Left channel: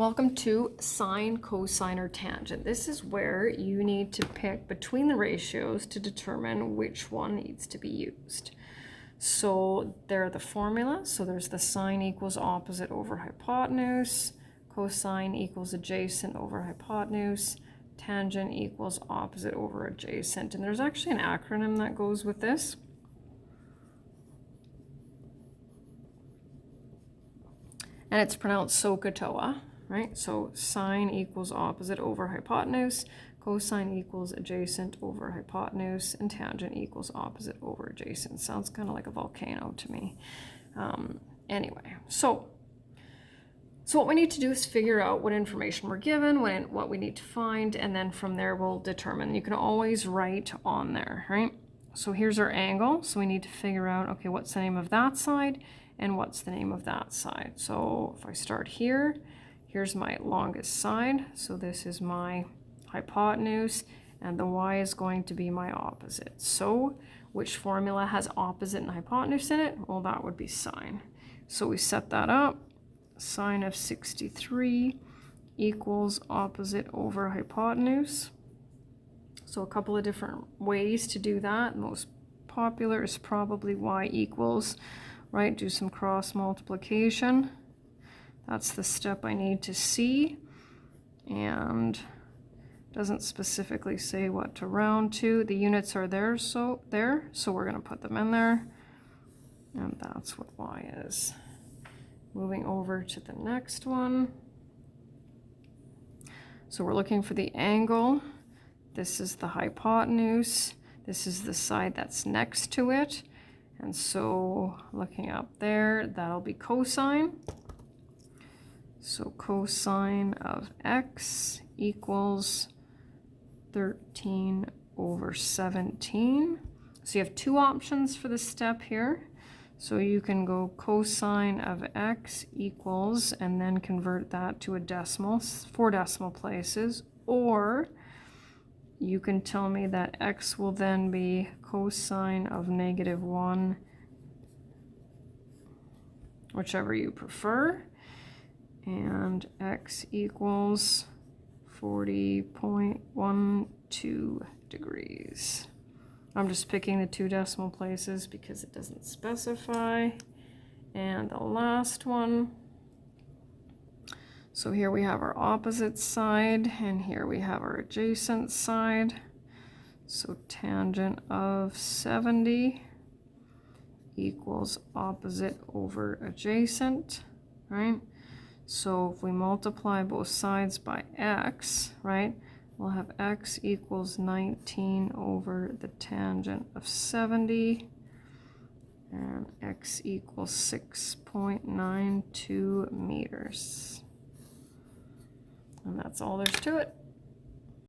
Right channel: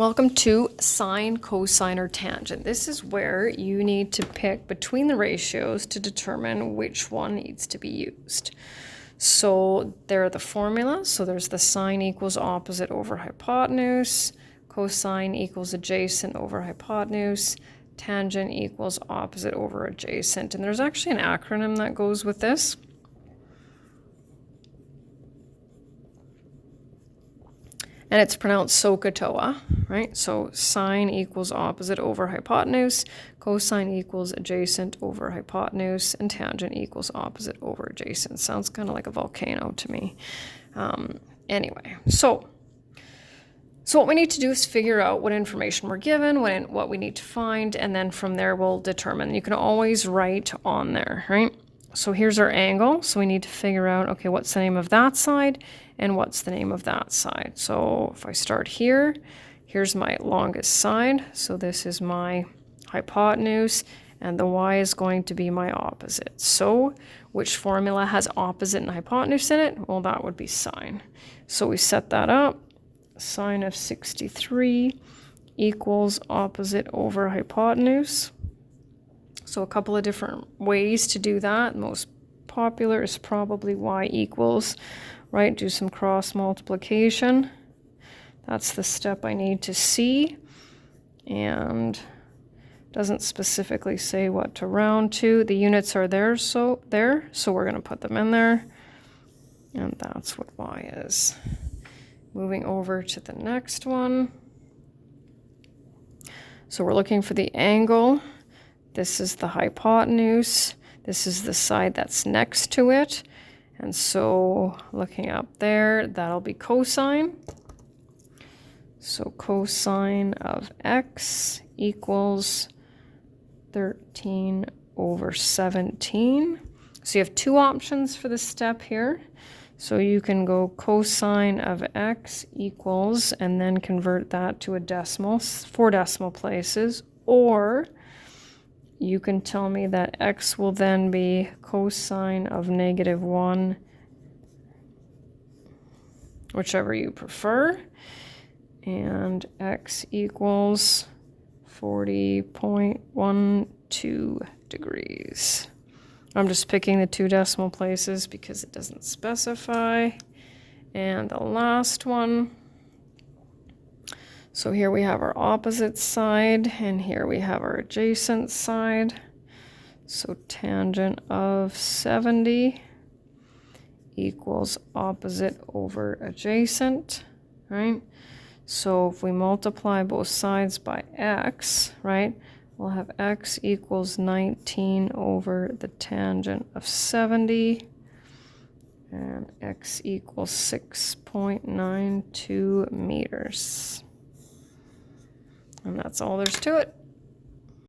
Welcome to sine, cosine, or tangent. This is where you need to pick between the ratios to determine which one needs to be used. So there are the formulas. So there's the sine equals opposite over hypotenuse, cosine equals adjacent over hypotenuse, tangent equals opposite over adjacent. And there's actually an acronym that goes with this. And it's pronounced SOHCAHTOA, right? So sine equals opposite over hypotenuse, cosine equals adjacent over hypotenuse, and tangent equals opposite over adjacent. Sounds kind of like a volcano to me. Anyway, so what we need to do is figure out what information we're given, what we need to find, and then from there we'll determine. You can always write on there, right? So here's our angle. So we need to figure out, okay, what's the name of that side and what's the name of that side. So if I start here, here's my longest side. So this is my hypotenuse and the y is going to be my opposite. So which formula has opposite and hypotenuse in it? Well, that would be sine. So we set that up. Sine of 63 equals opposite over hypotenuse. So a couple of different ways to do that. Most popular is probably y equals, right? Do some cross multiplication. That's the step I need to see. And doesn't specifically say what to round to. The units are there, so we're going to put them in there. And that's what y is. Moving over to the next one. So we're looking for the angle. This is the hypotenuse. This is the side that's next to it. And so looking up there, that'll be cosine. So cosine of x equals 13 over 17. So you have two options for this step here. So you can go cosine of x equals, and then convert that to a decimal, 4 decimal places, or you can tell me that x will then be cosine of -1, whichever you prefer, and x equals 40.12 degrees. I'm just picking the 2 decimal places because it doesn't specify. And the last one. So here we have our opposite side, and here we have our adjacent side. So tangent of 70 equals opposite over adjacent, right? So if we multiply both sides by x, right, we'll have x equals 19 over the tangent of 70, and x equals 6.92 meters. And that's all there's to it.